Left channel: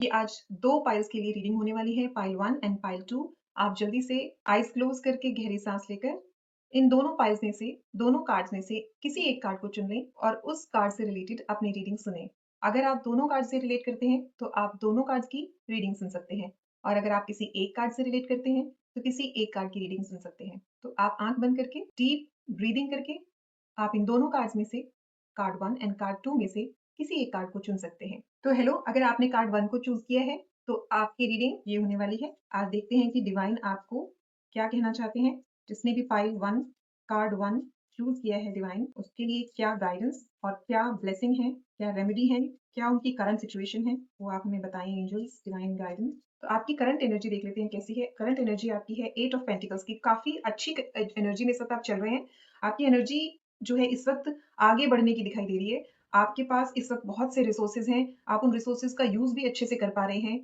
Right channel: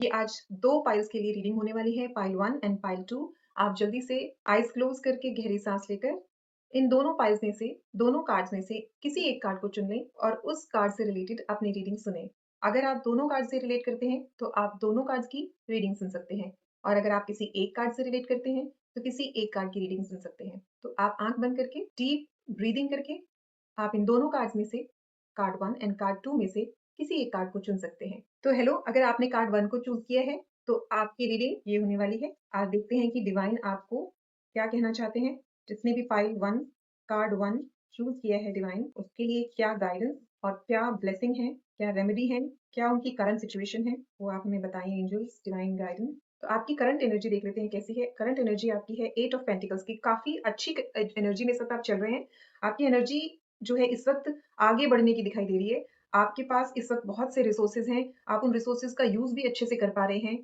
ये आज 2 पाइल्स के लिए रीडिंग होने वाली है, पाइल 1 एंड पाइल 2। आप जल्दी से आइज़ क्लोज़ करके गहरी सांस लेकर इन दोनों पाइल्स में से, दोनों कार्ड्स में से किसी एक कार्ड को चुन लें और उस कार्ड से रिलेटेड अपनी रीडिंग सुनें। अगर आप दोनों कार्ड से रिलेट करते हैं, तो आप दोनों कार्ड्स की रीडिंग सुन सकते हैं और अगर आप किसी एक कार्ड से रिलेट करते हैं, तो किसी एक कार्ड की रीडिंग सुन सकते हैं। तो आप आँख बंद करके डीप ब्रीथिंग करके आप इन दोनों कार्ड्स में से कार्ड 1 एंड कार्ड 2 में से किसी एक कार्ड को चुन सकते हैं। तो हेलो, अगर आपने कार्ड 1 को चूज़ किया है, तो आपकी रीडिंग ये होने वाली है। आज देखते हैं कि डिवाइन आपको क्या कहना चाहते हैं। जिसने भी पाइल 1 कार्ड 1 चूज़ किया है डिवाइन, उसके लिए क्या गाइडेंस और क्या ब्लेसिंग है, क्या रेमेडी है, क्या उनकी करंट सिचुएशन है, वो आप हमें बताएँ एंजल्स, डिवाइन गाइडेंस। तो आपकी करंट एनर्जी देख लेते हैं कैसी है। करंट एनर्जी आपकी है 8 ऑफ पेंटिकल्स की, काफ़ी अच्छी एनर्जी में इस वक़्त आप चल रहे हैं। आपकी एनर्जी जो है इस वक़्त आगे बढ़ने की दिखाई दे रही है। आपके पास इस वक़्त बहुत से रिसोर्सेज़ हैं, आप उन रिसोर्सेज़ का यूज़ भी अच्छे से कर पा रहे हैं।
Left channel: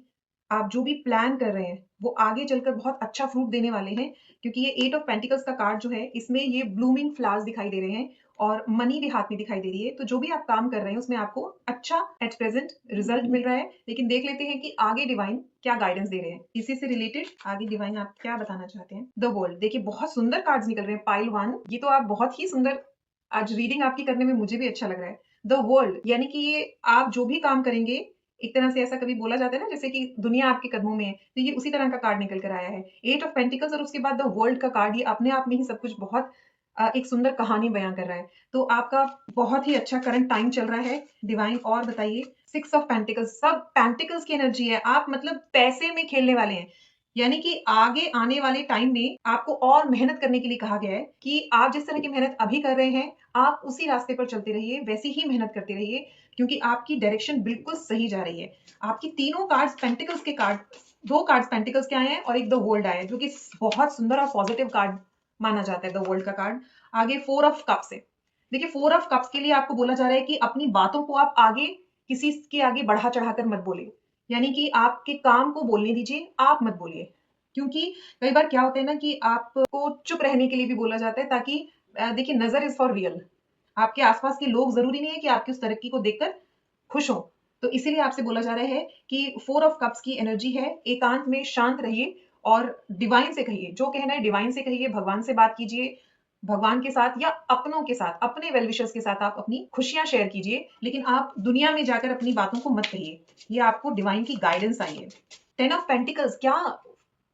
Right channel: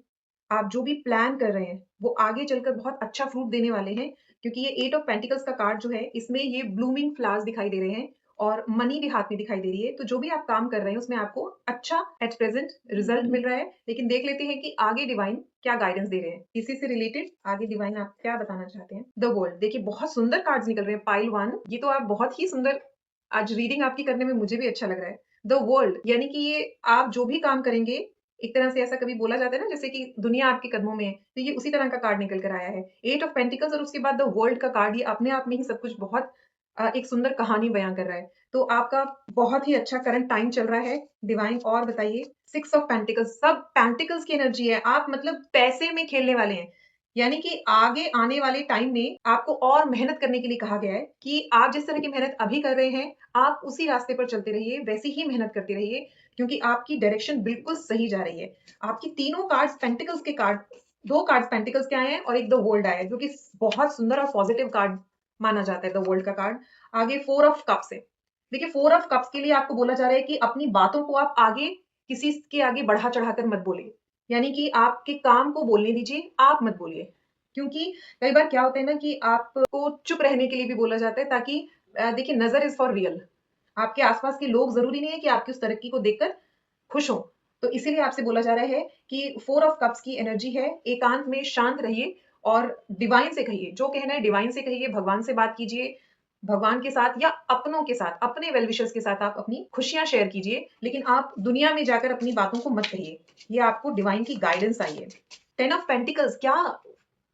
आप जो भी प्लान कर रहे हैं, वो आगे चलकर बहुत अच्छा फ्रूट देने वाले हैं, क्योंकि ये 8 ऑफ पेंटिकल्स का कार्ड जो है, इसमें ये ब्लूमिंग फ्लावर्स दिखाई दे रहे हैं और मनी भी हाथ में दिखाई दे रही है। तो जो भी आप काम कर रहे हैं, उसमें आपको अच्छा एट प्रेज़ेंट रिज़ल्ट मिल रहा है। लेकिन देख लेते हैं कि आगे डिवाइन क्या गाइडेंस दे रहे हैं। इसी से रिलेटेड आगे डिवाइन आप क्या बताना चाहते हैं? द वर्ल्ड, देखिए बहुत सुंदर कार्ड्स निकल रहे हैं। पाइल 1 ये तो आप बहुत ही सुंदर, आज रीडिंग आपकी करने में मुझे भी अच्छा लग रहा है। द वर्ल्ड यानी कि ये आप जो भी काम करेंगे, एक तरह से ऐसा कभी बोला जाता है ना, जैसे कि दुनिया आपके कदमों में है, तो ये उसी तरह का कार्ड निकल कर आया है। 8 ऑफ पेंटिकल्स और उसके बाद द वर्ल्ड का कार्ड, ये अपने आप में ही सब कुछ बहुत एक सुंदर कहानी बयाँ कर रहा है। तो आपका बहुत ही अच्छा करंट टाइम चल रहा है। डिवाइन और बताइए? 6 ऑफ पेंटिकल्स, सब पेंटिकल्स की एनर्जी है। आप मतलब पैसे में खेलने वाले हैं। यानी कि आगे आने वाले टाइम में आपको और मेहनत करने के लिए कहा गया है कि आप जिस तरह की मेहनत अभी कर रहे हैं, आप उसी रास्ते पर चलते रहिए, वैसी ही मेहनत करते रहिए, क्योंकि आपकी डायरेक्शन बिल्कुल सही जा रही है। आपकी तीनों कार्ड्स पेंटिकल्स के कार्ड, 2 कार्ड्स पेंटिकल्स के आए हैं और एक द वर्ल्ड आया है, जो कि बहुत सुंदर और पॉजिटिव कार्ड माना जाता है द वर्ल्ड का कार्ड। आगे 4 ऑफ कप्स है। देखिए 4 ऑफ कप्स के लिए आपको बोला जा रहा है कि अपनी बातों को आप आगे किसी के आगे बढ़ा-चढ़ा कर मत बोलिए। यानी कि आपके काम को बोलने दीजिए, आप मत बोलिए। क्योंकि कई बार क्या होता है ना कि आपको चुप रहने के लिए भी बोला जाता है, ताकि देखिए नज़र इज़ फॉर रियल। आपके आस-पास के लोग ज़रूरी नहीं है कि आपकी उस तरक्की को देखकर खुश हों। तो इसीलिए आपसे बोला जा रहा है कि 4 ऑफ कप्स की एनर्जी है, एकांत में शांत रहिए और डिवाइन से कहिए, जो कहना है डिवाइन से कहिए, भगवान से बात कीजिए। भगवान के साथ या अपनों के साथ, अपने वेल विशर्स के साथ आप अपनी खुशियाँ शेयर कीजिए, लेकिन आप दुनिया में जाकर अपनी बातों को मत कहिए। ये आपको डिवाइन की गाइडेंस आई है। 10 ऑफ पेंटिकल्स, क्या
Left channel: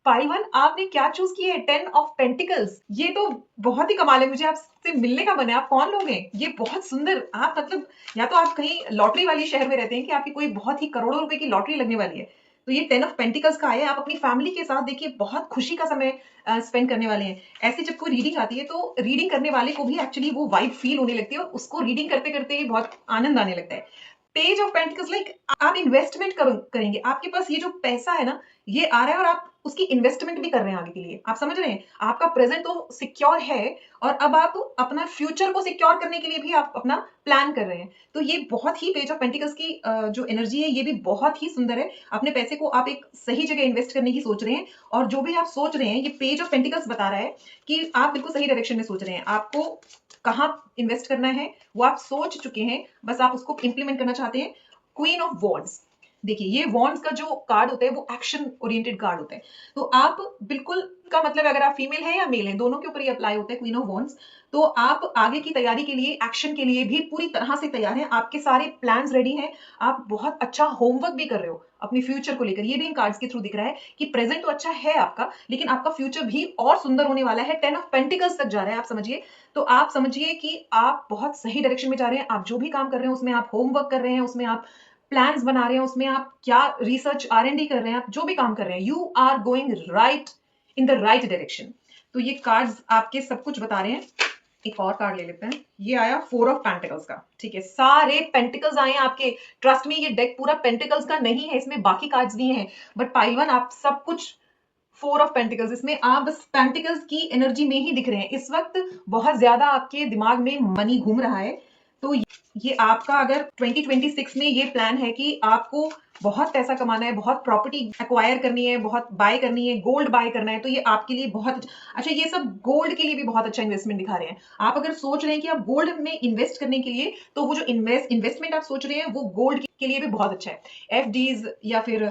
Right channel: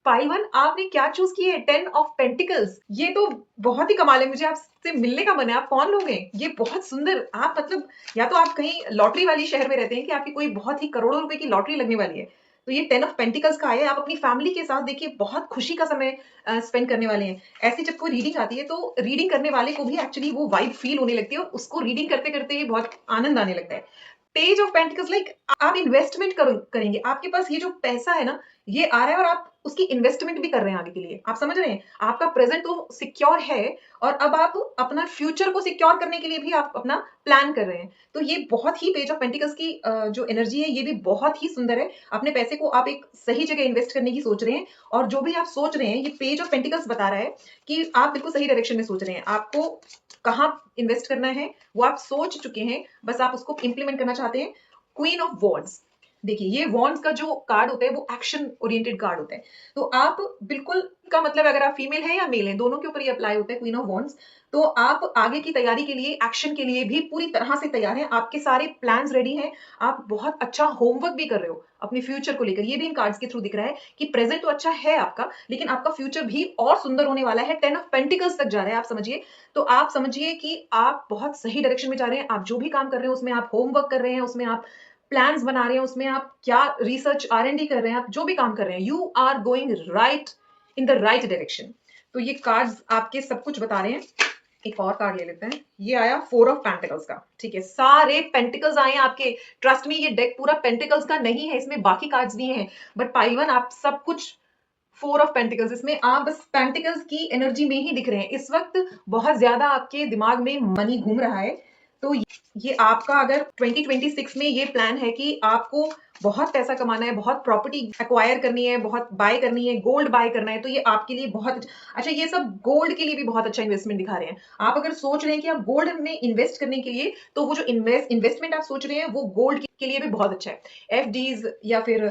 पाई 1 आपने क्या चूज़ किए? 10 ऑफ पेंटिकल्स, ये तो बहुत ही कमाल है। मुझे आपसे मिलने का मन है। आप कौन लोग हैं? ये बहुत सुंदर, आप मतलब या तो आप कहीं लॉटरी वाली शहर में रहते हैं कि आपकी कोई बहुत ही करोड़ों रुपए की लॉटरी लगने वाली है। तो ये 10 ऑफ पेंटिकल्स का आया है। आप अपनी फैमिली के साथ देखिए बहुत खुशी का समय स्पेंड करने वाले हैं। ऐसी जब कोई रीडिंग आती है, तो रीडिंग करने वाले को भी एक्चुअली वो वाइब फील होने लगती है और उसको रीडिंग करते-करते ही बहुत आनंद आने लगता है। पेज ऑफ पेंटिकल्स, लाइक आप इन्वेस्टमेंट करेंगे। आपके पास ये जो पैसा है ना, ये आ रहा है और आप उसकी इन्वेस्टमेंट भी कर रहे हैं आगे के लिए। आप समझ रहे हैं? आपका प्रेज़ेंट तो सिक्योर है और अब आप अपना फ्यूचर को सिक्योर करने के लिए भी आप अपना प्लान कर रहे हैं। तो ये बहुत ही पेज ऑफ पेंटिकल्स की जो एनर्जी है, ये भी बहुत ही सुंदर है। अपने पैसे को आप एक सही जगह इन्वेस्ट करने की सोच रहे हैं और जो भी आप सोच रहे हैं, ये पेज ऑफ पेंटिकल्स बता रहा है कि आप बिल्कुल सही डायरेक्शन में सोच रहे हैं। आपको कहाँ इन्वेस्ट करना है, वो आप सोच चुके हैं, बस आप उसको इम्प्लीमेंट करना चाहते हैं। क्वीन ऑफ वॉन्ड्स, देखिए ये वॉन्ड्स का जो कार्ड होता है, वो एक्शन ओरिएंटेड कार्ड होता है। तो आप बिल्कुल, का मतलब अगर आप फीमेल हैं या मेल हैं, दोनों के ऊपर ये अप्लाई होता है क्वीन ऑफ वॉन्ड्स। तो आप आगे की तैयारी के लिए, एक्शन के लिए भी पूरी तरह से तैयार हैं। आपके सारे प्लान्स रेडी हैं। आप बहुत अच्छा होमवर्क भी कर रहे हो अपने फ्यूचर को लेकर। ये भी इन कार्ड्स के थ्रू दिख रहा है कि प्रेजेंट तो अच्छा है आपका, लेकिन आपका फ्यूचर भी और सुंदर होने वाला है। 10 ऑफ पेंटिकल्स तक जा रहा है, आप समझिए। तो आप समझिए कि आप बहुत सही डायरेक्शन में जा रहे हैं। आप जो भी काम कर रहे हैं, उसमें आप होमवर्क कर रहे हैं, उसमें आप प्लान्स बना रहे हैं, उसमें आप क्या रिसर्च R&D कर रहे हैं, आप जो भी काम कर रहे हैं, you are going right in the right direction. तो ये कार्ड्स आपके सब कुछ बता रहे हैं। एक और कार्ड ले लेते हैं। ये आया 4 ऑफ पेंटिकल्स का। ठीक है, सारे पेंटिकल्स आए हैं आपके। ट्रस्ट में ये डेक पूरा पेंटिकल्स का नहीं है, इसमें बाकी कार्ड्स भी हैं, बट पाइल 1 आप सब कुछ 4 ऑफ पेंटिकल्स, इसमें आप बस पेंटिकल्स की एनर्जी में ही दिख रहे हैं। इस वक्त बहुत ज्यादा आपके दिमाग में मनी घूम रहा है। तो ये आपका अगर 2026 में ये प्लान है कि आपको बहुत पैसा कमाना है, बहुत प्रॉपर्टी एक्वायर करनी है, बहुत बाय करनी है, गोल्ड बाय करना है, तो ये आपके लिए बहुत अच्छा। ये सब गोल्ड के लिए भी बहुत अच्छा इन्वेस्टमेंट दिखा रहे हैं। आप अगर सोच रहे हैं कि आप गोल्ड में इन्वेस्ट करने के लिए, तो वो जो इन्वेस्टमेंट आप सोच रहे हैं वो गोल्ड के लिए भी बहुत अच्छा है। एफडीज या फिर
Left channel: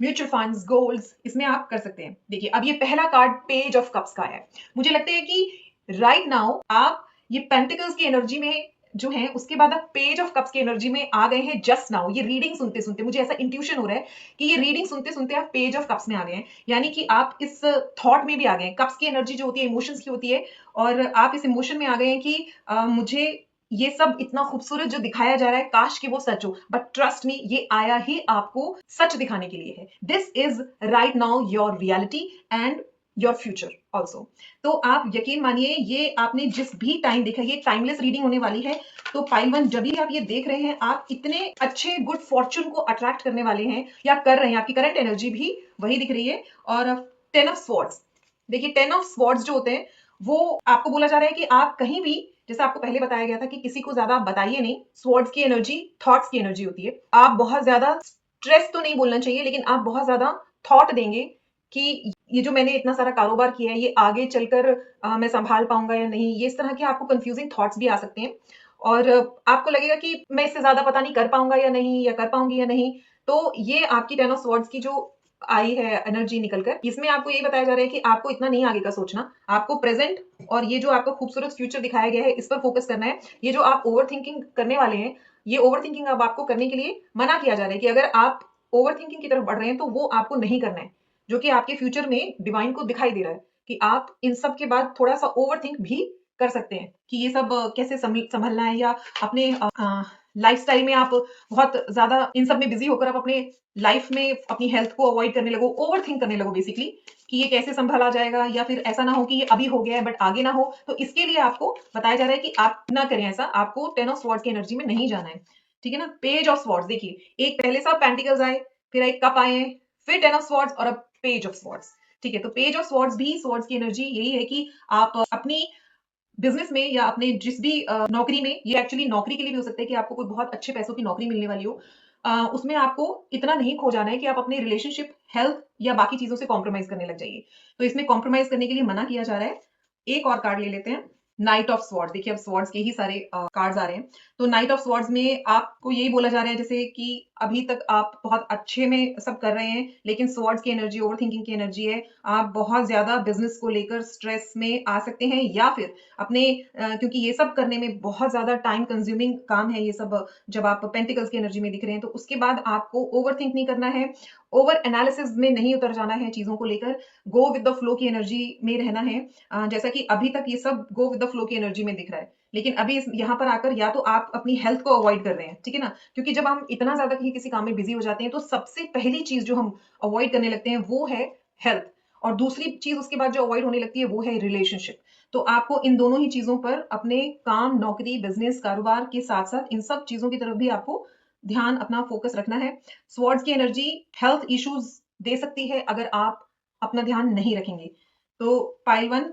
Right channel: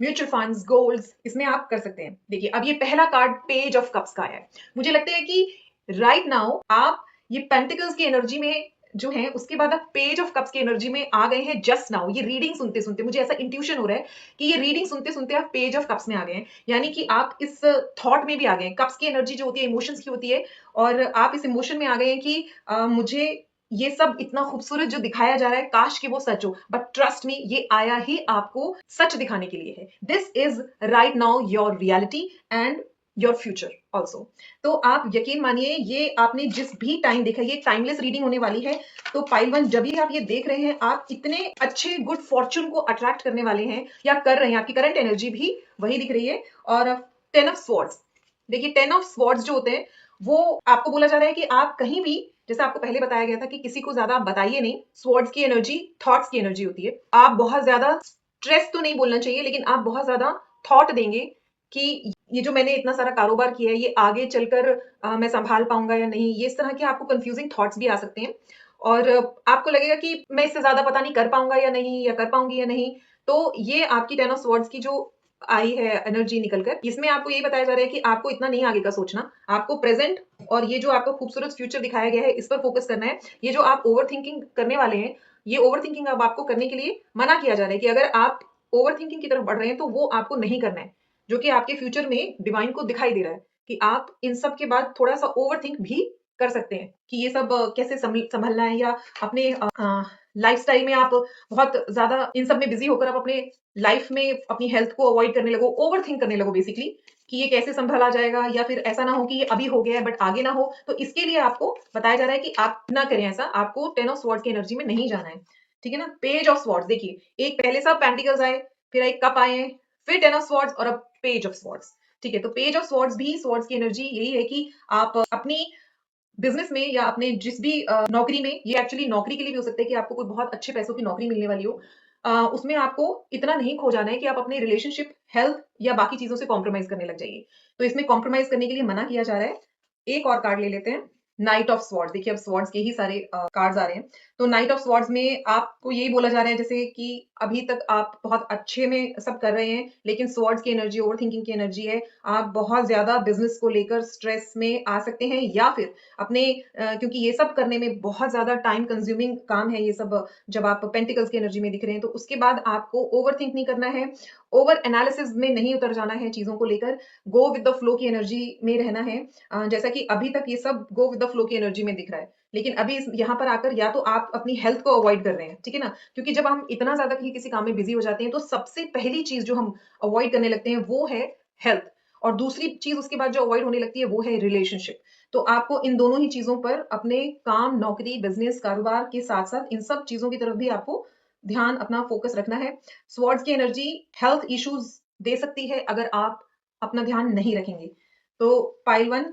म्यूचुअल फंड्स, गोल्ड्स, इसमें आप कर सकते हैं। देखिए अब ये पहला कार्ड पेज ऑफ कप्स का है। मुझे लगता है कि राइट नाउ आप ये पेंटिकल्स की एनर्जी में जो है, उसके बाद आप पेज ऑफ कप्स की एनर्जी में आ गए हैं जस्ट नाउ। ये रीडिंग सुनते सुनते मुझे ऐसा इंट्यूशन हो रहा है कि ये रीडिंग सुनते सुनते आप पेज ऑफ कप्स में आ गए हैं, यानी कि आप इस थॉट में भी आ गए हैं। कप्स की एनर्जी जो होती है इमोशंस की होती है, और आप इस इमोशन में आ गए हैं कि मुझे ये सब इतना खूबसूरत जो दिखाया जा रहा है, काश कि वो सच हो, बट ट्रस्ट मी, ये आया ही आपको सच दिखाने के लिए है। This is right now your reality and your future also. तो आप यकीन मानिए, ये आपने जिस भी टाइम देखा, ये टाइमलेस रीडिंग होने वाली है। तो पाइल वन, जब भी आप ये देख रहे हैं, आप इतने अच्छे गुड फॉर्चून को अट्रैक्ट करने वाले हैं या कर रहे हैं। आपकी करंट एनर्जी भी वही दिख रही है। और 10 ऑफ स्वॉर्ड्स, देखिए 10 ऑफ स्वॉर्ड्स जो होते हैं, वो आपको बोला जा रहा है कि आप कहीं भी, जैसे आपको पहले बताया गया था कि किसी को ज्यादा बताइए नहीं। स्वॉर्ड्स की एनर्जी थॉट्स की एनर्जी होती है। आप बहुत ज्यादा स्ट्रेस तो नहीं बोलना चाहिए, लेकिन आप बहुत ज्यादा थॉट देंगे कि ये जो मैंने इतना सारा कारोबार किया है, ये आगे चलकर मैं संभाल पाऊंगा या नहीं। ये इस तरह के आपको कंफ्यूजिंग थॉट्स भी आ सकते हैं, और आपको लगेगा कि मैं इससे ज्यादा पता नहीं कर पाऊंगा या नहीं, या कर पाऊंगी या नहीं। तो ये आपकी 10 ऑफ स्वॉर्ड्स की जो आई है एनर्जी निकलकर, इसमें आपको ये बताया जा रहा है कि आपको इतना नहीं आगे का सोचना, आपको प्रेजेंट और ये जो आपका खूबसूरत फ्यूचर दिखाया गया है, इस पर फोकस करना है। ये जो आप ओवर थिंकिंग करने वाले हैं, ये ओवर थिंकिंग अब आपको करने के लिए मना किया जा रहा है कि अगर आप ओवर थिंकिंग की तरफ बढ़ रहे हैं तो वो आपको नहीं करना है, जो कि आपके फ्यूचर में डिवाइन को दिखाई दे रहा है कि आप इन सब के बाद थोड़ा सा ओवर थिंक भी कर सकते हैं कि ये सब कैसे संभलना है, या अपने लाइफस्टाइल में आप बहुत ज्यादा इन सब में बिजी होकर आप अपने लाइफ में अपनी हेल्थ को अवॉइड करने लगो, ओवर थिंक करने लगो बेसिकली, कि ये कैसे संभाला जाएगा, या फिर ऐसा ना हो कि ये अभी हो गया है बट आगे ना हो। तो इसके लिए आपको बताया जा रहा है कि आप ना करें ऐसा, आपको 10 ऑफ स्वॉर्ड्स की एनर्जी में नहीं जाना है। ठीक है ना। पेज ऑफ स्वॉर्ड्स, देखिए एक पहले सब पेंटिकल्स आए, फिर एक कप आए, फिर 10 ऑफ स्वॉर्ड्स, और अब पेज ऑफ स्वॉर्ड्स। ठीक है, तो पेज ऑफ स्वॉर्ड्स भी, स्वॉर्ड्स की एनर्जी यही है कि आप अपनी बिजनेस में या अपने जिस भी नौकरी में, ये एक्चुअली नौकरी के लिए भी हो सकता है कि आपको कोई बहुत अच्छे पैसों की नौकरी मिलने वाली हो, उसमें आपको इतना नहीं खो जाना है कि आप अपने रिलेशनशिप, हेल्थ या बाकी चीजों से कॉम्प्रोमाइज करने लग जाइए। तो इसमें कॉम्प्रोमाइज करने के लिए मना किया जा रहा है। एक और कार्ड ले लेते हैं, नाइट ऑफ स्वॉर्ड्स। देखिए अब स्वॉर्ड्स के ही सारे कार्ड्स आ रहे हैं। तो नाइट ऑफ स्वॉर्ड्स में आपको यही बोला जा रहा है जैसे कि अभी तक आप बहुत अच्छे में सब कर रहे हैं, लेकिन स्वॉर्ड्स की एनर्जी ओवर थिंकिंग की एनर्जी है। आप बहुत ज्यादा बिजनेस को लेकर स्ट्रेस में आ सकते हैं, या फिर अपने क्योंकि ये सब करने में बहुत ज्यादा टाइम कंज्यूमिंग काम है ये सब। जब आप पेंटिकल्स की एनर्जी में दिख रहे हैं, तो उसके बाद आपको ओवर थिंक नहीं करना है, ओवर एनालिसिस में नहीं उतर जाना है चीजों को लेकर। गो विद द फ्लो की एनर्जी में रहना है। जैसा कि अभी तक ये सब गो विद द फ्लो की एनर्जी में दिख रहा है, लेकिन अभी यहाँ पर आकर या तो आप अपनी हेल्थ को अवॉइड कर रहे हैं, ठीक है ना, क्योंकि जब हम इतना ज्यादा कहीं किसी काम में बिजी हो जाते हैं, तो सबसे पहली चीज जो हम अवॉइड करने लगते हैं वो है हेल्थ, और दूसरी चीज उसके बाद जो अवॉइड होने लगती है वो है रिलेशनशिप। तो आपको इन दोनों ही चीजों पर, अपने काम, नौकरी, बिजनेस, कारोबार के साथ साथ इन सब चीजों की तरफ भी आपको ध्यान, अपना फोकस रखना है। स्वॉर्ड्स की एनर्जी हेल्थ इश्यूज दे सकती है अगर आप अपना ध्यान नहीं रखेंगे। तो पाइल वन,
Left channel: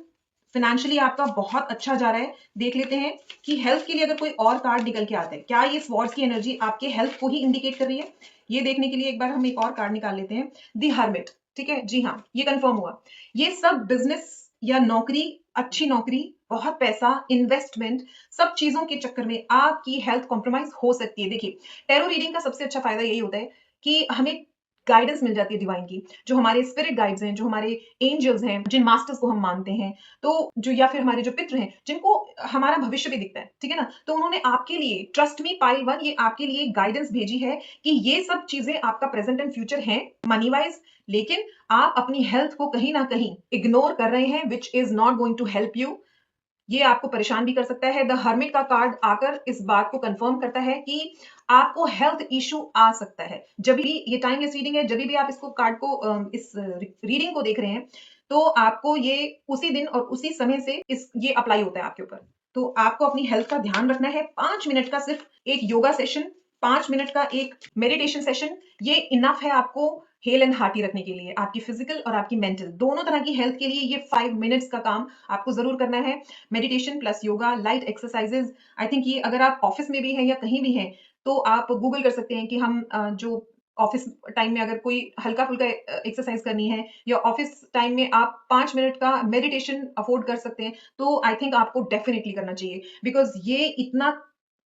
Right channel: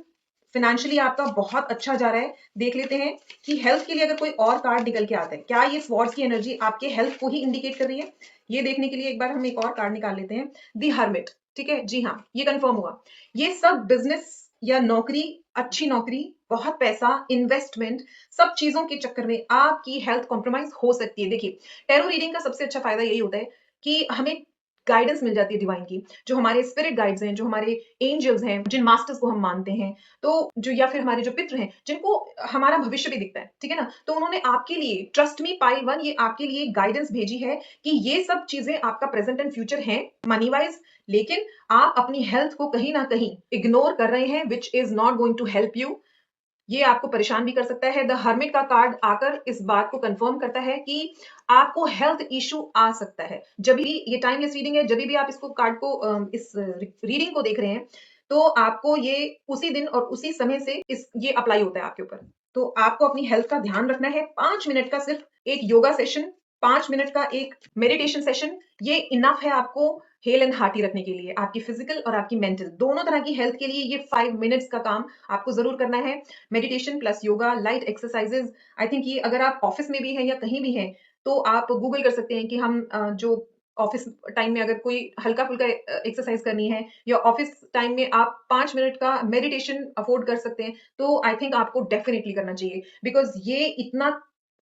फाइनेंशियली आपका बहुत अच्छा जा रहा है। देख लेते हैं कि हेल्थ के लिए अगर कोई और कार्ड निकल के आता है, क्या ये स्वॉर्ड्स की एनर्जी आपके हेल्थ को ही इंडिकेट कर रही है? ये देखने के लिए एक बार हम एक और कार्ड निकाल लेते हैं, दी हर्मिट। ठीक है, जी हाँ, ये कंफर्म हुआ। ये सब बिजनेस या नौकरी, अच्छी नौकरी, बहुत पैसा, इन्वेस्टमेंट, सब चीजों के चक्कर में आपकी हेल्थ कॉम्प्रोमाइज हो सकती है। देखिए टैरो रीडिंग का सबसे अच्छा फायदा यही होता है कि हमें गाइडेंस मिल जाती है डिवाइन की, जो हमारे स्पिरिट गाइड्स हैं, जो हमारे एंजल्स हैं, जिन मास्टर्स को हम मानते हैं, तो जो, या फिर हमारे जो पितृ हैं, जिनको हमारा भविष्य भी दिखता है, ठीक है ना, तो उन्होंने आपके लिए, ट्रस्ट मी पाइल वन, ये आपके लिए गाइडेंस भेजी है कि ये सब चीजें आपका प्रेजेंट एंड फ्यूचर हैं मनी वाइज, लेकिन आप अपनी हेल्थ को कहीं ना कहीं इग्नोर कर रहे हैं, which is not going to help you. ये आपको परेशान भी कर सकता है। द हर्मिट का कार्ड आकर इस बात को कंफर्म करता है कि आपको हेल्थ इशू आ सकता है। जब भी ये टाइमलेस रीडिंग है, जब भी आप इसको कार्ड को इस रीडिंग को देख रहे हैं, तो आपको ये उसी दिन और उसी समय से इस ये अप्लाई होता है आपके ऊपर। तो आपको अपनी हेल्थ का ध्यान रखना है। 5 मिनट का सिर्फ एक योगा सेशन 5 मिनट का एक मेडिटेशन सेशन, ये इनफ है आपको हेल एंड हार्टी रखने के लिए, आपकी फिजिकल और आपकी मेंटल दोनों तरह की हेल्थ के लिए ये 5 मिनट्स का काम आपको जरूर करना है। Meditation plus yoga, light exercises, I think ये अगर आप ऑफिस में भी हैं या कहीं भी हैं तो आप गूगल कर सकते हैं कि हम जो ऑफिस टाइम में अगर कोई हल्का फुल्का एक्सरसाइज करनी है या ऑफिस टाइम में आप 5 मिनट का मेडिटेशन अफोर्ड कर सकते हैं, तो आई थिंक आपको डेफिनेटली करना चाहिए, बिकॉज ये इतना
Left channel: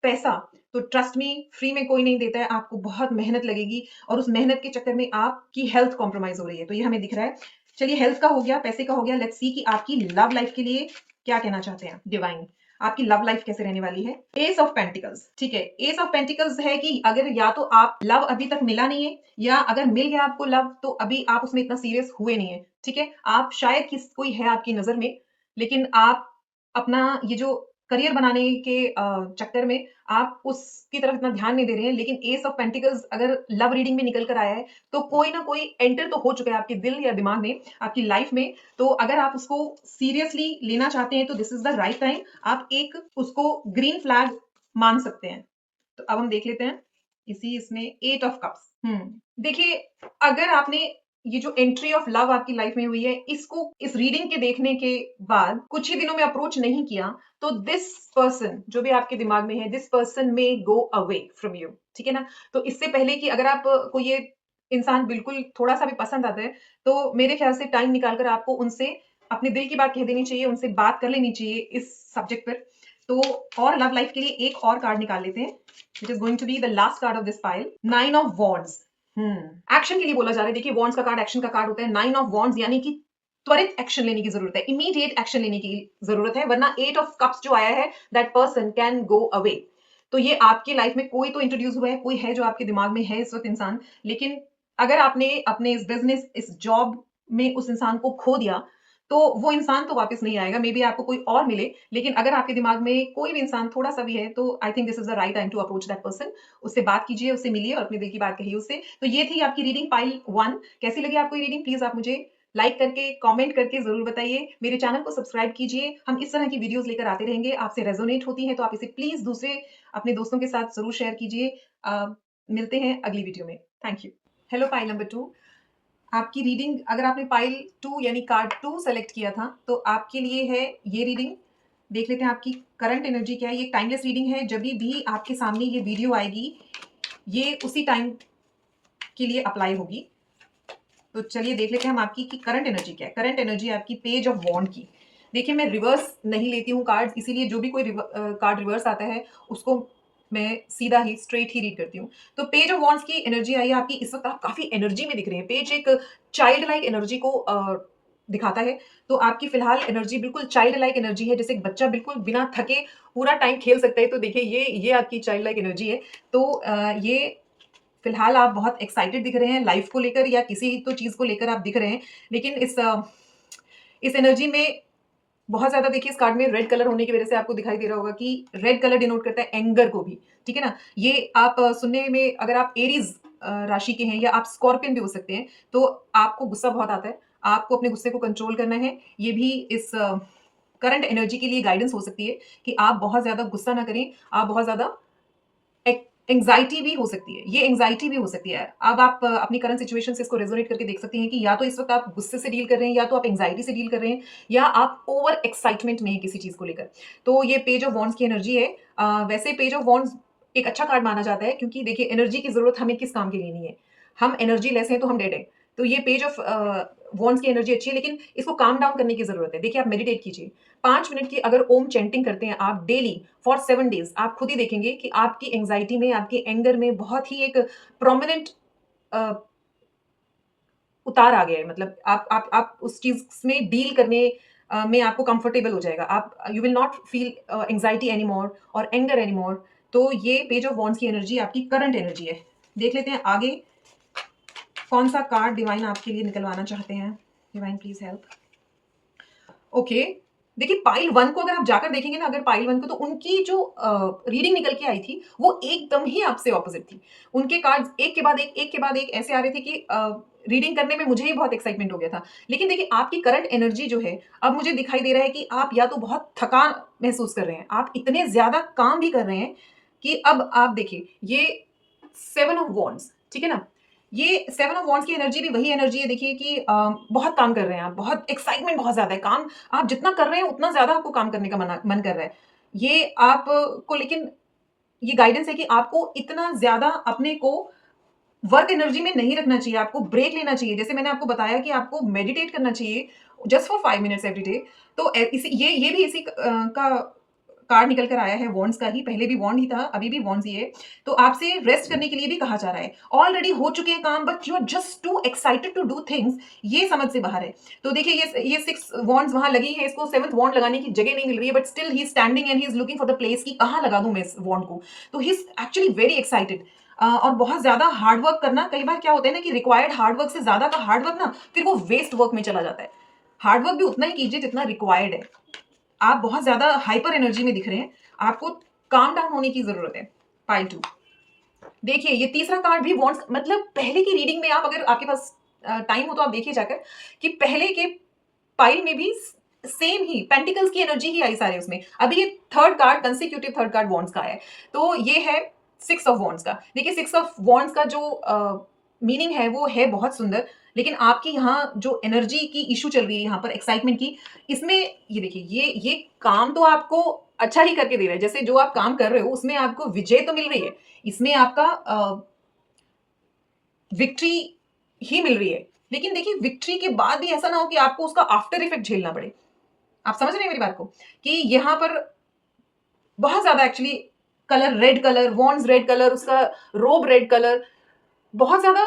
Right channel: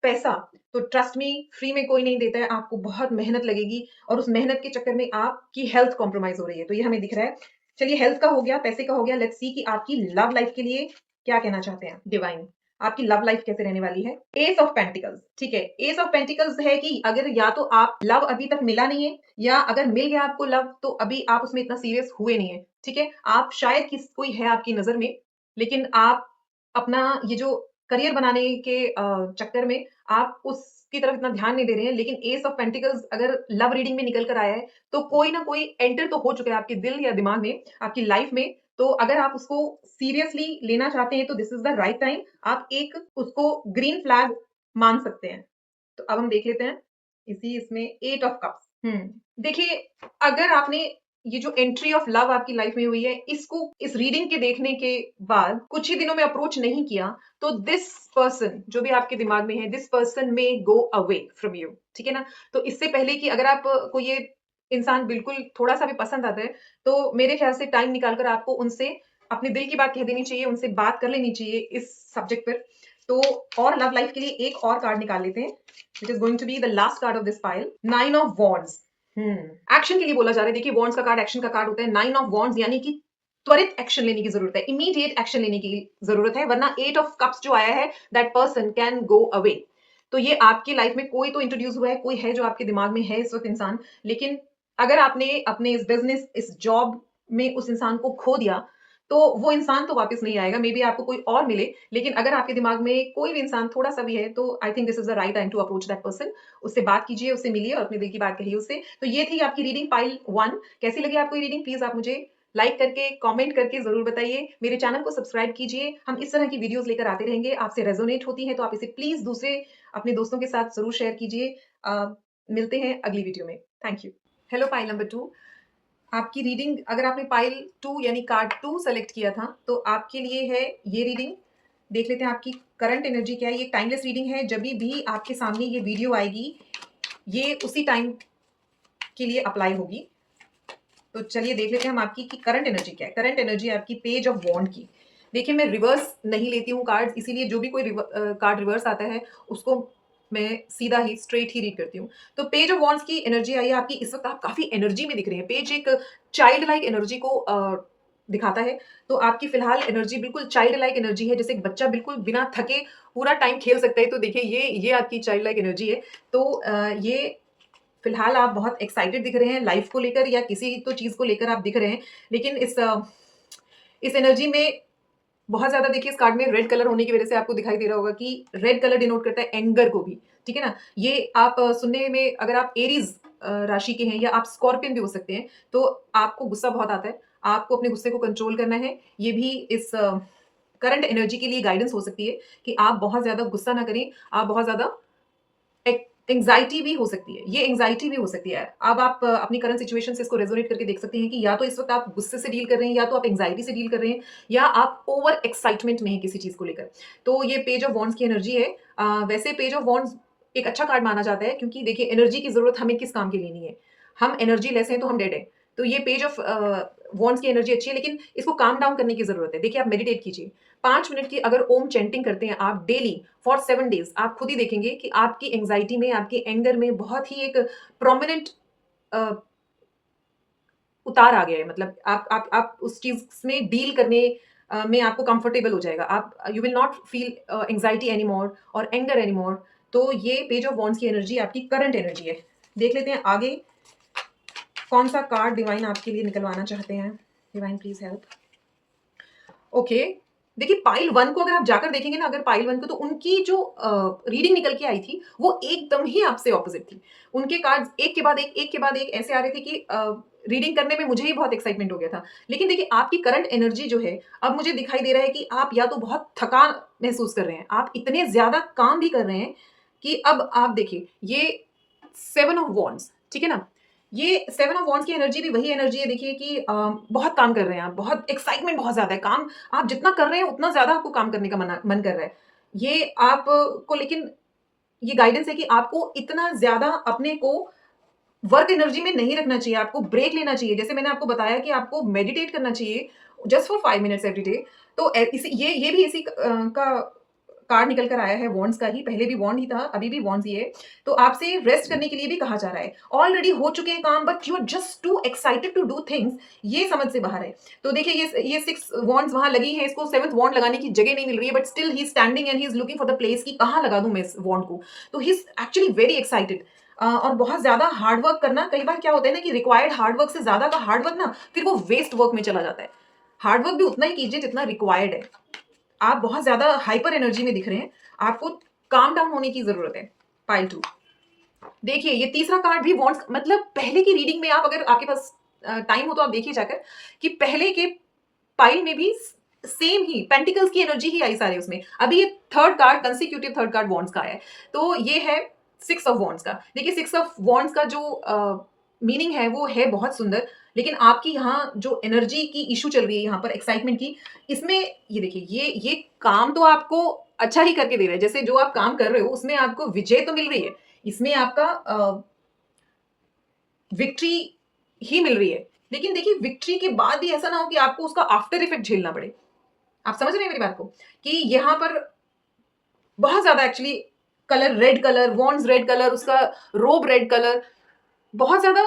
पैसा तो ट्रस्ट मी फ्री में कोई नहीं देता है, आपको बहुत मेहनत लगेगी और उस मेहनत के चक्कर में आपकी हेल्थ कॉम्प्रोमाइज हो रही है, तो ये हमें दिख रहा है। चलिए, हेल्थ का हो गया, पैसे का हो गया, लेट्स सी कि आपकी लव लाइफ के लिए क्या कहना चाहते हैं डिवाइन। आपकी लव लाइफ कैसे रहने वाली है? एस ऑफ पेंटिकल्स, ठीक है। एस ऑफ पेंटिकल्स है कि अगर या तो आप लव अभी तक मिला नहीं है या अगर मिल गया आपको लव तो अभी आप उसमें इतना सीरियस हुए नहीं है, ठीक है। आप शायद कोई है आपकी नजर में, लेकिन आप अपना ये जो करियर बनाने के चक्कर में आप उसकी तरफ इतना ध्यान नहीं दे रहे हैं। लेकिन एस ऑफ पेंटिकल्स अगर लव रीडिंग में निकल कर आया है तो कोई ना कोई एंटर तो हो चुका है आपके दिल या दिमाग में, आपकी लाइफ में। तो अगर आप उसको सीरियसली लेना चाहते हैं तो this is the right time, आप एक उसको ग्रीन फ्लैग मान सकते हैं। तो अब हम देख लेते हैं इसमें 8 ऑफ कप्स। देखिए, अगर आपने ये जो एंट्री ऑफ लव आपकी लाइफ में हुई है, इसको इस रीडिंग के देखने के बाद कुछ ही दिनों में अप्रोच नहीं किया तो दिस पर्सन जो भी आपके दिमाग में है, दिस पर्सन में गो अवे फ्रॉम यू, ठीक है ना। तो इससे पहले कि अगर आप को ये इंसान बिल्कुल थोड़ा सा भी पसंद आता है तो मेरे ख्याल से टाइम निकालकर आपको उनसे अपने दिल की बात कह देनी चाहिए, उनसे बात कर लेनी चाहिए इस सब्जेक्ट पर। तो और लव लाइफ के लिए एक और कार्ड निकाल लेते हैं, which is going to be the last card of this pile, 9 of wands. Action के लिए बोला जा रहा है। देखिए, वॉन्ड्स का कार्ड एक्शन का कार्ड होता है। 9 ऑफ वॉन्ड्स यानी कि त्वरित एक्शन लेने की जरूरत है, इमीडिएट एक्शन लेने की जरूरत है, वरना 8 ऑफ कप्स जो आया है, that person can go away. तो ये आपकी लाइफ में कोई तो इंट्रोड्यूस हुआ है, कोई है जो आपके दिमाग में है इस वक्त इंसान, लेकिन अगर आपने अपने इस बिजनेस, इस जॉब में उस इंसान को खो दिया तो वो इंसान तो वापस नहीं आएगा, मे बी आपको कोई और मिले। लेकिन अगर आपके दिमाग में कोई भी इंसान थोड़ा सा भी है तो I think this is the right time to approach that person. उससे बात कीजिए, उससे मिलिए और अपने दिल की बात कहिए उससे। तो ये थी आपकी रीडिंग पाइल 1। कैसी लगी आपको ये रीडिंग? प्लीज आप मुझे लाइक करके, कमेंट करके जरूर बताइए। मेरे चैनल को सब्सक्राइब कीजिए, हम इस तरह की वीडियोस लेकर आते रहेंगे। आपसे रेजोनेट होती है तो आप इसे प्लीज दूसरे अपने दोस्तों के साथ जरूर शेयर कीजिए। मिलते हैं अगली वीडियो में। Thank you. Hello pile number 2, आपकी रीडिंग, अगर आपने पाइल 2 यानी कार्ड 2 सेलेक्ट किया था तो आपके लिए है ये रीडिंग। देख लेते हैं आपकी करंट एनर्जी क्या है। ये टाइमलेस रीडिंग है, जब भी आपके सामने ये वीडियो आएगी ये उसी टाइम के लिए अप्लाई होगी। तो चलिए देख लेते हैं हम आपकी की करंट एनर्जी क्या है। करंट एनर्जी आपकी पेज ऑफ वॉन्ड की। देखिए, मैं रिवर्स नहीं लेती हूँ कार्ड, इसीलिए जो भी कोई कार्ड रिवर्स आता है उसको मैं सीधा ही स्ट्रेट ही रीड करती हूँ। तो पेज ऑफ वॉन्ड्स की एनर्जी आई है आपकी। इस वक्त आप काफी एनर्जी में दिख रहे हैं। पेज एक चाइल्ड लाइक एनर्जी को दिखाता है। तो आपकी फिलहाल एनर्जी बिल्कुल चाइल्ड लाइक एनर्जी है, जैसे एक बच्चा बिल्कुल बिना थके पूरा टाइम खेल सकता है। तो देखिए, ये आपकी चाइल्ड लाइक एनर्जी है। तो ये फिलहाल आप बहुत एक्साइटेड दिख रहे हैं लाइफ को लेकर या किसी तो चीज को लेकर आप दिख रहे हैं। लेकिन इस एनर्जी में बहुत ज्यादा, देखिए इस कार्ड में रेड कलर होने की वजह से आपको दिखाई दे रहा होगा कि रेड कलर डिनोट करता है एंगर को भी, ठीक है ना। ये आप सुनने में, अगर आप एरीज राशि के हैं या आप स्कॉर्पियन भी हो सकते हैं, तो आपको गुस्सा बहुत आता है, आपको अपने गुस्से को कंट्रोल करना है। ये भी इस करंट एनर्जी के लिए गाइडेंस हो सकती है कि आप बहुत ज्यादा गुस्सा ना करें, आप बहुत ज्यादा एंग्जाइटी भी हो सकती है, ये एंग्जाइटी भी हो सकती है। अब आप अपनी करंट सिचुएशन से इसको रेजोनेट करके देख सकते हैं कि या तो इस वक्त आप गुस्से से डील कर रहे हैं, या तो आप एंग्जाइटी से डील कर रहे हैं, या आप ओवर एक्साइटमेंट में हैं किसी चीज को लेकर। तो ये पेज ऑफ वॉन्ड्स की एनर्जी है। वैसे पेज ऑफ वॉन्ड्स एक अच्छा कार्ड माना जाता है, क्योंकि देखिए एनर्जी की जरूरत हमें किस काम के लिए नहीं है, हम एनर्जी लेस हैं तो हम डेड है। तो ये पेज ऑफ वॉन्ड्स की एनर्जी अच्छी है, लेकिन इसको काम डाउन करने की जरूरत है। देखिए, आप मेडिटेट कीजिए 5 मिनट की, अगर ओम चैंटिंग करते हैं आप डेली फॉर 7 डेज, आप खुद ही देखेंगे कि आपकी एंग्जाइटी में, आपके एंगर में बहुत ही एक प्रोमिनेंट उतार आ गया है। मतलब आप उस चीज में डील करने में आपको कंफर्टेबल हो जाएगा। आप you will not feel anxiety anymore और एंगर एनीमोर। तो ये पेज ऑफ वॉन्ड्स की एनर्जी आपकी करंट एनर्जी है। देख लेते हैं आगे कौन सा कार्ड डिवाइन आपके लिए निकलवाना चाहते हैं। Divine please help. ओके, देखिए पाइल 1 को अगर आप जाकर देखेंगे ना, अगर पाइल 1 को, तो उनकी जो रीडिंग निकल के आई थी वो एकदम ही आपसे ऑपोजिट थी। उनके कार्ड्स एक के बाद एक के बाद एक ऐसे आ रहे थे कि रीडिंग करने में मुझे ही बहुत एक्साइटमेंट हो गया था। लेकिन देखिए, आपकी करंट एनर्जी जो है, अब मुझे दिखाई दे रहा है कि आप या तो बहुत थकान महसूस कर रहे हैं, आप इतने ज्यादा काम भी कर रहे हैं कि अब आप देखिए, ये 7 ऑफ वॉन्ड्स, ठीक है ना? ये 7 ऑफ वॉन्ड्स की एनर्जी भी वही एनर्जी है, देखिए कि बहुत काम कर रहे हैं आप, बहुत एक्साइटमेंट बहुत ज़्यादा है, काम आप जितना कर रहे हैं उतना ज़्यादा आपको काम करने का मन कर रहा है। ये आप को लेकिन ये गाइडेंस है कि आपको इतना ज़्यादा अपने को वर्क एनर्जी में नहीं रखना चाहिए, आपको ब्रेक लेना चाहिए। जैसे मैंने आपको बताया कि आपको मेडिटेट करना चाहिए just for 5 minutes every day. तो इसी ये भी इसी का कार्ड निकल कर आया है वॉन्ड्स का ही, पहले भी वॉन्ड ही था, अभी भी वॉन्ड्स ही है। तो आपसे रेस्ट करने के लिए भी कहा जा रहा है। ऑलरेडी हो चुके हैं काम but you are just too excited to do things, ये समझ से बाहर है। तो देखिए ये 6 वॉन्ड्स वहाँ लगी हैं, इसको 7th वॉन्ड लगाने की जगह नहीं मिल रही है, but still he is standing and he is looking for the place कि कहाँ लगा दूँ मैं इस वॉन्ड को। तो he is actually very excited. और बहुत ज़्यादा हार्ड वर्क करना, कई बार क्या होता है ना कि रिक्वायर्ड हार्ड वर्क से ज़्यादा का हार्ड वर्क ना फिर वो वेस्ट वर्क में चला जाता है। हार्ड वर्क भी उतना ही कीजिए जितना रिक्वायर्ड है। आप बहुत ज़्यादा हाइपर एनर्जी में दिख रहे हैं, आपको काम डाउन होने की ज़रूरत है। पाइल 2, देखिए ये तीसरा कार्ड भी वॉन्ट्स, मतलब पहले की रीडिंग में आप अगर आपके पास टाइम हो तो आप देखिए जाकर कि पहले के पाइल में भी सेम ही पेंटिकल्स की एनर्जी ही आई सारे उसमें। अभी ये third card consecutive third card wands का है, तो ये है 6 ऑफ वॉन्ड्स का। देखिए 6 ऑफ वॉन्ड्स का जो मीनिंग है वो है बहुत सुंदर, लेकिन आपकी यहाँ जो एनर्जी की इशू चल रही है यहाँ पर एक्साइटमेंट की, इसमें ये देखिए ये काम तो आपको अच्छा ही करके दे रहा है। जैसे जो आप काम कर रहे हो उसमें आपको विजय तो मिल रही है, इसमें आपका विक्ट्री ही मिल रही है। लेकिन देखिए विक्ट्री के बाद भी ऐसा ना हो कि आपको उसका आफ्टर इफेक्ट झेलना पड़े। आप समझ रहे हैं मेरी बात को? कि यहाँ पर बहुत ज़्यादा actually colour red colour, wands red colour, उसका रोब रेड कलर, बहुत ज़्यादा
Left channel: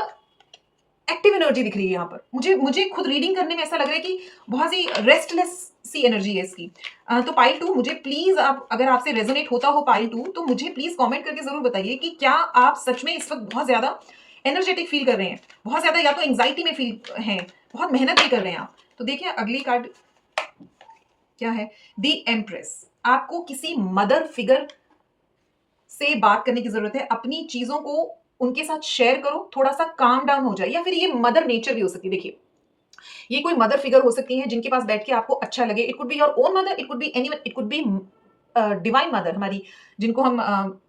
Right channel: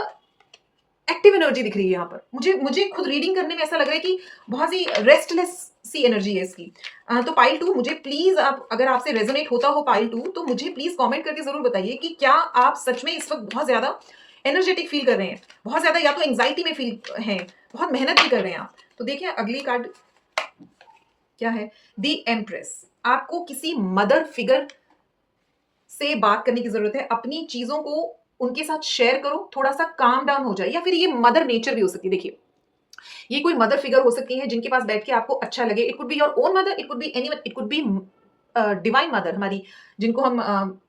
एक्टिव एनर्जी दिख रही है यहाँ पर। मुझे मुझे खुद रीडिंग करने में ऐसा लग रहा है कि बहुत सी रेस्टलेस सी एनर्जी है इसकी। तो पाइल 2 मुझे प्लीज़, आप अगर आपसे रेजोनेट होता हो पाइल 2 तो मुझे प्लीज़ कमेंट करके ज़रूर बताइए कि क्या आप सच में इस वक़्त बहुत ज़्यादा एनर्जेटिक फ़ील कर रहे हैं? बहुत ज़्यादा या तो एंग्ज़ायटी में फ़ील हैं, बहुत मेहनत भी कर रहे हैं आप। तो देखिए अगली कार्ड क्या है? The empress. आपको किसी मदर फिगर से बात करने की ज़रूरत है। अपनी चीज़ों को उनके साथ शेयर करो, थोड़ा-सा काम डाउन हो जाए, या फिर ये मदर नेचर भी हो सकती है। देखिए, ये कोई मदर फिगर हो सकती है जिनके पास बैठ के आपको अच्छा लगे। It could be your own mother, it could be anyone, it could be divine mother, हमारी जिनको हम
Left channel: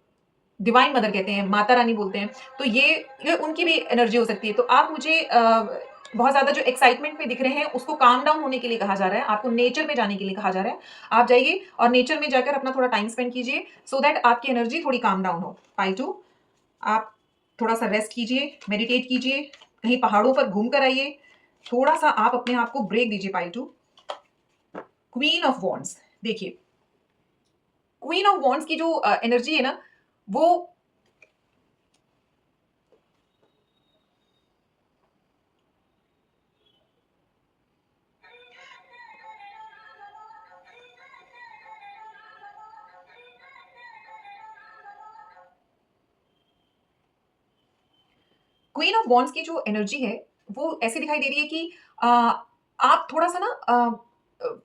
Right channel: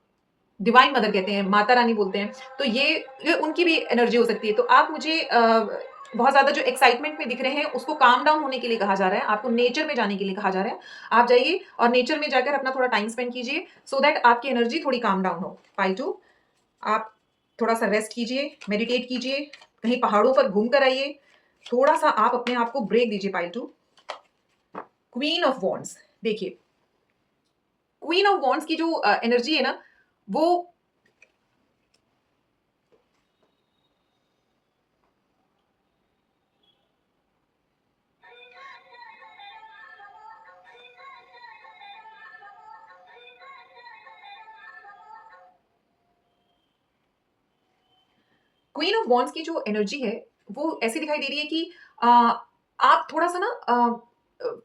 डिवाइन मदर कहते हैं, माता रानी बोलते हैं। तो ये उनकी भी एनर्जी हो सकती है। तो आप मुझे बहुत ज़्यादा जो एक्साइटमेंट में दिख रहे हैं, उसको काम डाउन होने के लिए कहा जा रहा है। आपको नेचर में जाने के लिए कहा जा रहा है। आप जाइए और नेचर में जाकर अपना थोड़ा टाइम स्पेंड कीजिए सो दैट आपकी एनर्जी थोड़ी काम डाउन हो। पाइल 2, आप थोड़ा-सा रेस्ट कीजिए, मेडिटेट कीजिए, कहीं पहाड़ों पर घूम कर आइए, थोड़ा-सा आप अपने आप को ब्रेक दीजिए। पाइल 2, क्वीन ऑफ वॉन्ड्स, देखिए क्वीन ऑफ वॉन्ड्स की जो एनर्जी है ना, वो क्वीन ऑफ वॉन्ड्स की जो एनर्जी है, वो ऐसी दिखाई दे रही है कि अ, आप थोड़ा-सा ना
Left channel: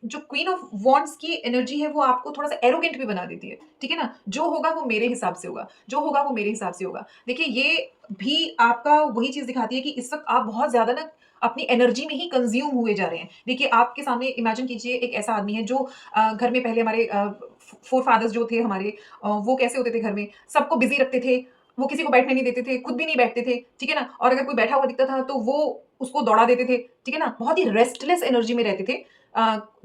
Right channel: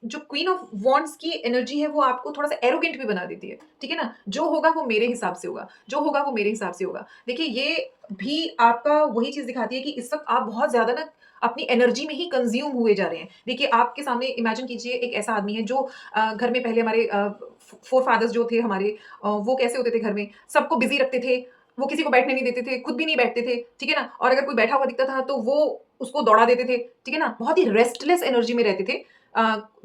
जो क्वीन ऑफ वॉन्ड्स की एनर्जी है, वो आपको थोड़ा-सा एरोगेंट भी बना देती है, ठीक है ना? जो होगा वो मेरे हिसाब से होगा, जो होगा वो मेरे हिसाब से होगा। देखिए, ये भी आपका वही चीज़ दिखाती है कि इस वक़्त आप बहुत ज़्यादा ना अपनी एनर्जी में ही कंज़्यूम हुए जा रहे हैं। देखिए, आपके सामने इमेजिन कीजिए एक ऐसा आदमी है जो घर में पहले हमारे फ़ोरफ़ादर्स जो थे हमारे, वो कैसे होते थे घर में, सबको बिज़ी रखते थे, वो किसी को बैठने नहीं देते थे, खुद भी नहीं बैठते थे, ठीक है ना? और अगर कोई बैठा हुआ दिखता था तो वो उसको दौड़ा देते थे, ठीक है ना? बहुत ही रेस्टलेस एनर्जी में रहते थे।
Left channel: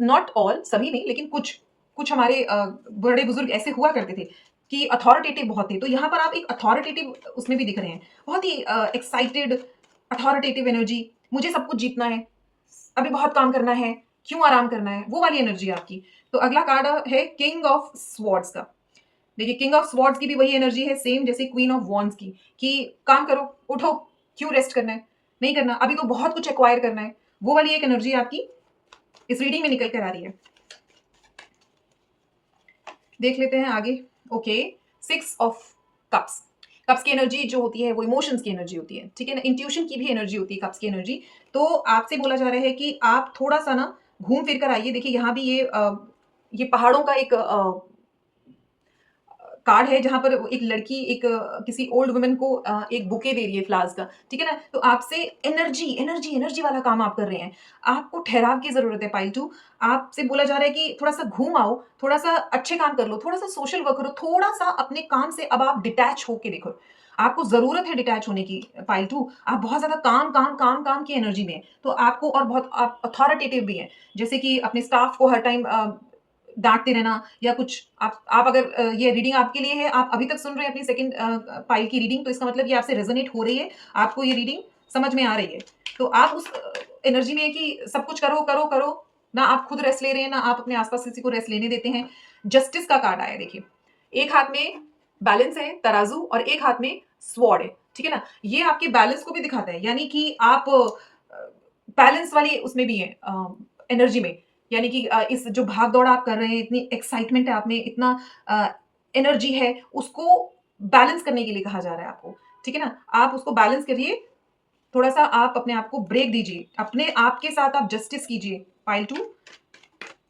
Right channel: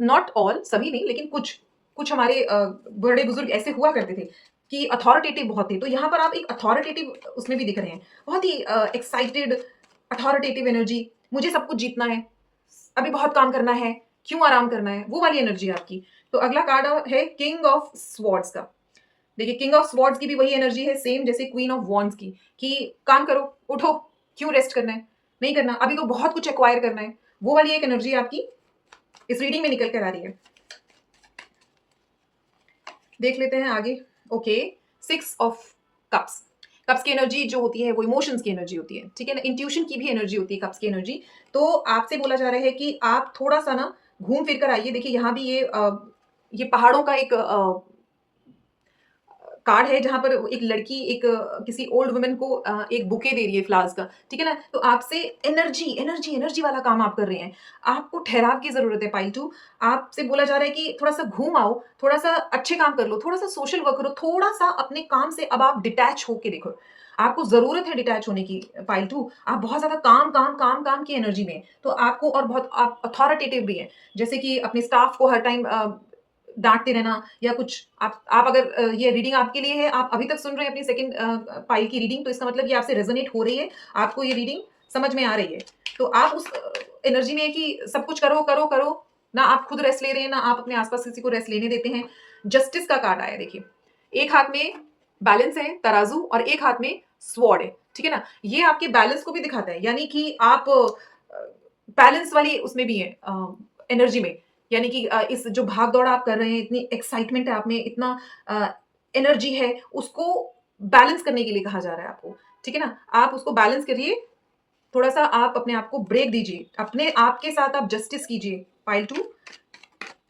नॉट ऑल, सभी नहीं, लेकिन कुछ, कुछ हमारे बड़े-बुजुर्ग ऐसे हुआ करते थे कि अथॉरिटेटिव बहुत थे। तो यहाँ पर आप एक अथॉरिटेटिव उसमें भी दिख रहे हैं। बहुत ही एक्साइटेड अथॉरिटेटिव एनर्जी, मुझे सब कुछ जीतना है, अभी बहुत काम करना है, क्यों आराम करना है, वो वाली एनर्जी है आपकी। तो अगला कार्ड है किंग ऑफ स्वॉर्ड्स का। देखिए किंग ऑफ स्वॉर्ड्स की भी वही एनर्जी है सेम जैसे क्वीन ऑफ वॉन्ड्स की, कि काम करो, उठो, क्यों रेस्ट करना है? नहीं करना, अभी तो बहुत कुछ एक्वायर करना है। वो वाली एक एनर्जी आपकी इस रीडिंग में निकल कर आ रही है। देख लेते हैं आगे। Okay, 6 of cups. कप्स की एनर्जी जो होती है वो इमोशंस की एनर्जी होती है, ठीक है ना? इंट्यूशन की भी एनर्जी होती है कप्स की एनर्जी। तो आपसे बोला जा रहा है कि आप थोड़ा-सा ना घूम फिर कर आइए। देखिए यहाँ भी ये पहाड़ों का एक कार्ड है जहाँ पर एक लड़की एक किसी ओल्ड वुमन को एक बुके दे रही है फ्लावर्स का, ठीक है ना? तो आपसे एनर्जी वाला काम आप कर रहे हैं। आपको ठहराव की ज़रूरत है पाइल 2। आपसे बोला जा रहा है कि थोड़ा-सा घूम आओ, थोड़ा-सा अच्छे काम कर लो, थोड़ा-सा सोशल वर्क करो, थोड़ा-सा अपने काम से अब आप डिटैच होके देखो। आपको ज़रूरत है डिटैच होने की पाइल 2। आप बहुत ज़्यादा काम की एनर्जी में हैं, तो आपको और बहुत आप अथॉरिटेटिव भी हैं। जैसे कि अपने स्टाफ को हर टाइम डाँटते रहना या कुछ आप अगर ये रीडिंग आपके लिए है, आप अभी तक सुन रहे हैं अपनी सेकंड पाइल की रीडिंग, तो इसका मतलब ये आपसे रेज़ोनेट हो रही है, आपको ये रीडिंग समझ में आ रही है। तो आप उस एनर्जी में है कि सब कुछ करो, करो, करो, ना आप खुद रेस्ट ले रहे हैं, ना आप अपने आस-पास किसी को रेस्ट लेने देते हैं। जस्टिस का कार्ड आया है देखिए। एक हाथ में बैलेंस है, तराजू और एक हाथ में स्वॉर्ड है, ठीक है ना? ये आपके बैलेंस को भी दिखाता है, यानी कि आप बैलेंस वाली उसमें भी हैं एनर्जी में। यानी कि इस जो भाग-दौड़ आप कर रहे हैं, इतनी एक्साइटमेंट है आप में, इतना अ, एनर्जी है, उसको बैलेंस करने के लिए कहा जा रहा है आपको, ठीक है ना? आप उसको बैलेंस करिए, थोड़ा-सा आप अपने आप को ब्रेक दीजिए, अपने आप के साथ आप जस्टिस कीजिए। पाइल 2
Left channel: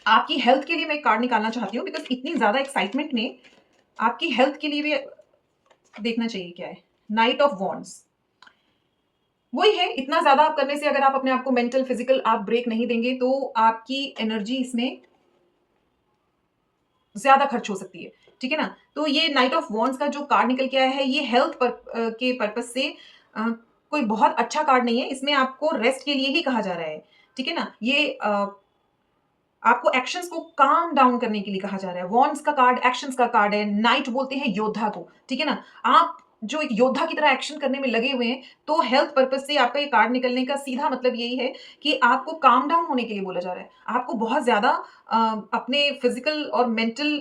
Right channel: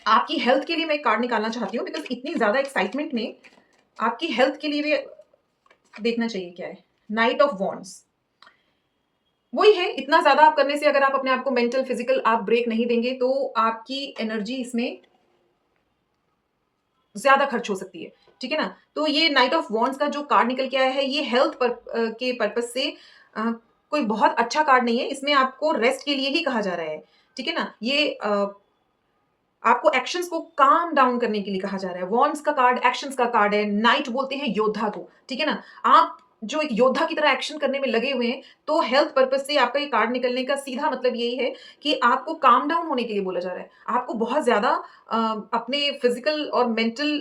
आपकी हेल्थ के लिए मैं एक कार्ड निकालना चाहती हूँ बिकॉज़ इतनी ज़्यादा एक्साइटमेंट में आपकी हेल्थ के लिए भी देखना चाहिए क्या है। नाइट ऑफ वॉन्ड्स वही है, इतना ज़्यादा आप करने से अगर आप अपने आप को मेंटल, फिज़िकल आप ब्रेक नहीं देंगे, तो आपकी एनर्जी इसमें ज़्यादा खर्च हो सकती है, ठीक है ना? तो ये नाइट ऑफ वॉन्ड्स का जो कार्ड निकल के आया है, ये हेल्थ के पर्पज़ से अ, कोई बहुत अच्छा कार्ड नहीं है, इसमें आपको रेस्ट के लिए ही कहा जा रहा है, ठीक है ना? ये आपको एक्शंस को काम डाउन करने के लिए कहा जा रहा है। वॉन्ड्स का कार्ड एक्शंस का कार्ड है, नाइट बोलते हैं योद्धा को, ठीक है ना? आप जो एक योद्धा की तरह एक्शन करने में लगे हुए हैं, तो हेल्थ पर्पज़ से आपका ये कार्ड निकलने का सीधा मतलब यही है कि आपको काम डाउन होने के लिए बोला जा रहा है। आपको बहुत ज़्यादा अ, अपने फिज़िकल और मेंटल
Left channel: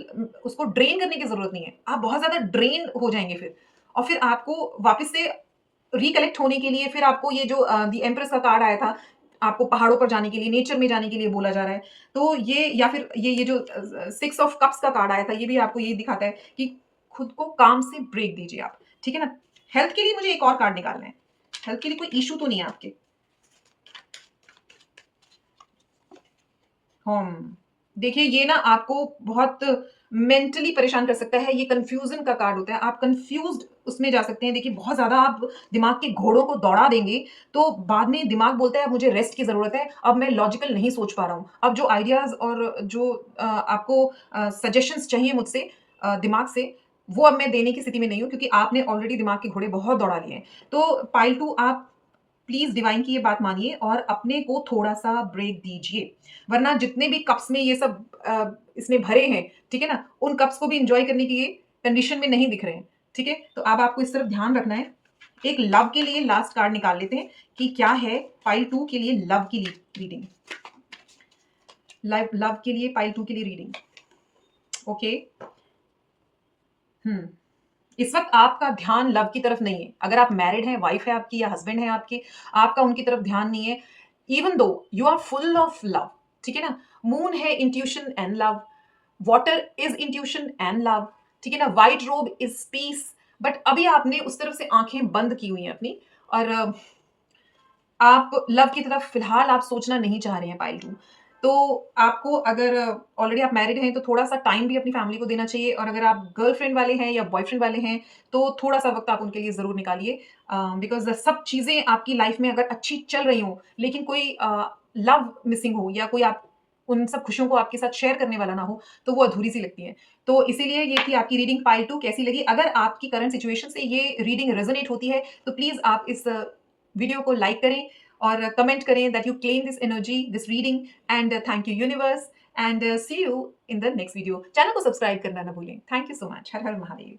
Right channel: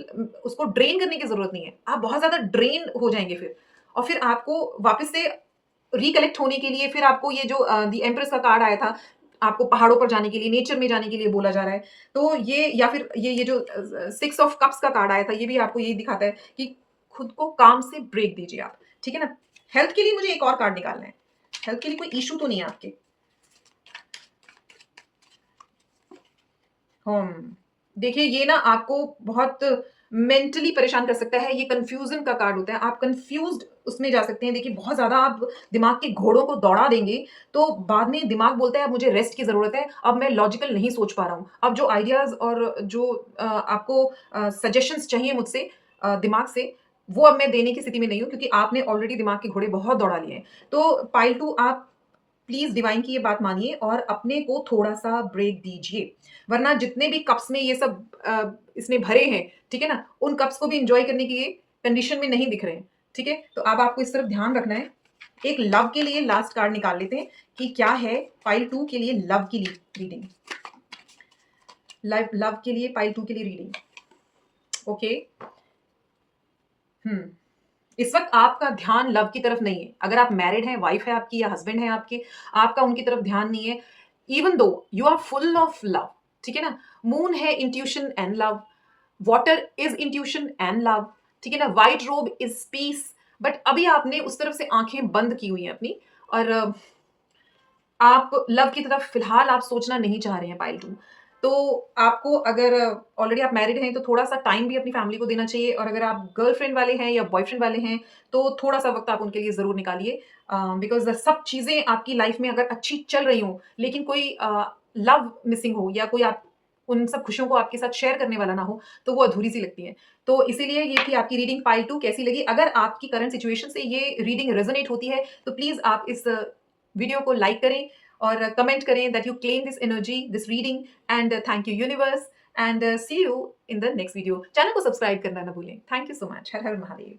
उसको ड्रेन करने की ज़रूरत नहीं है। आप बहुत ज़्यादा ड्रेन हो जाएँगे फिर और फिर आपको वापस से रिकलेक्ट होने के लिए फिर आपको ये जो द एम्प्रेस का कार्ड आया था, आपको पहाड़ों पर जाने के लिए, नेचर में जाने के लिए बोला जा रहा है। तो ये या फिर ये जो 6 ऑफ कप्स का कार्ड आया था, ये भी आपको यही दिखाता है कि खुद को काम से ब्रेक दीजिए आप, ठीक है ना? हेल्थ के लिए मुझे एक और कार्ड निकालना है। हेल्थ के लिए कोई इश्यू तो नहीं है आपके? देखिए ये ना आपको बहुत मेंटली परेशान कर सकता है, ये कन्फ्यूज़न का कार्ड होता है। आप कन्फ्यूज़्ड उसमें जा सकते हैं। देखिए बहुत ज़्यादा आप दिमाग के घोड़ों को दौड़ा देंगे, तो बाद में दिमाग बोलता है अब मुझे रेस्ट की ज़रूरत है, अब मैं लॉजिकल नहीं सोच पा रहा हूँ। अब जो आइडियाज़ और जो आपको सजेशंस चाहिए मुझसे दिमाग से, वो अब मैं देने की स्थिति में नहीं हूँ क्योंकि आपने ऑलरेडी दिमाग के घोड़े बहुत दौड़ा लिए हैं। तो पाइल 2 आप प्लीज़ डिवाइन की ये बात मानिए और अपने को थोड़ा-सा ब्रेक दीजिए। वरना जितने भी कप्स में ये सब इसने भरे हैं, ठीक है ना? उन कप्स को भी एन्जॉय करने की ये कंडीशन में नहीं दिख रहे हैं, ठीक है? तो अब आपको इस तरफ ध्यान रखना है। एक लव के लिए लास्ट कार्ड निकाल लेते हैं कि क्या है पाइल 2 के लिए लव की रीडिंग। लव के लिए पाइल 2 के लिए रीडिंग। ओके। हुँ। इस वक़्त आपका ध्यान लव की तरफ नहीं है। अगर आप मैरिड हैं, वाइफ़ है आपकी या हस्बैंड है आपके, आपका उनकी तरफ ध्यान नहीं है। Even though you are full of love, ठीक है ना? मून है intuition and love, water is intuition and love, ठीक है ना? व्हाइट रोब इज़ पीस बट अभी आपने उस तरफ से आँखें बंद की हुई हैं अपनी और आप लव की तरफ फ़िलहाल आप सोचना नहीं चाह रहे हैं पाइल 2। तो आपको अगर ऑलरेडी आप मैरिड हैं, तो थोड़ा-सा टाइम भी अपनी फैमिली को देना चाहिए और अगर आप गर्लफ्रेंड वाले हैं या बॉयफ्रेंड वाले हैं, तो थोड़ा-सा वक़्त आप उनके लिए ज़रूर निकालिए। बिकॉज़ सब चीज़ें आपकी लाइफ़ में अगर अच्छी चल रही हों, लेकिन कोई लव मिसिंग हो या कोई आप उन सब खुशियों को आपके साथ शेयर करने वाला ना हो, तो वो अधूरी-सी लगती हैं। तो इसीलिए ये थी आपकी रीडिंग पाइल 2 कैसी लगी? अगर आपकी करंट सिचुएशन से ये रीडिंग रेज़ोनेट होती है, तो प्लीज़ आप इस वीडियो को लाइक करें और कमेंट करें that you claim this energy, this reading and thank you universe and see you in the next video. Channel को सब्सक्राइब करना ना भूलें। Thank you so much. Har Har Mahadev.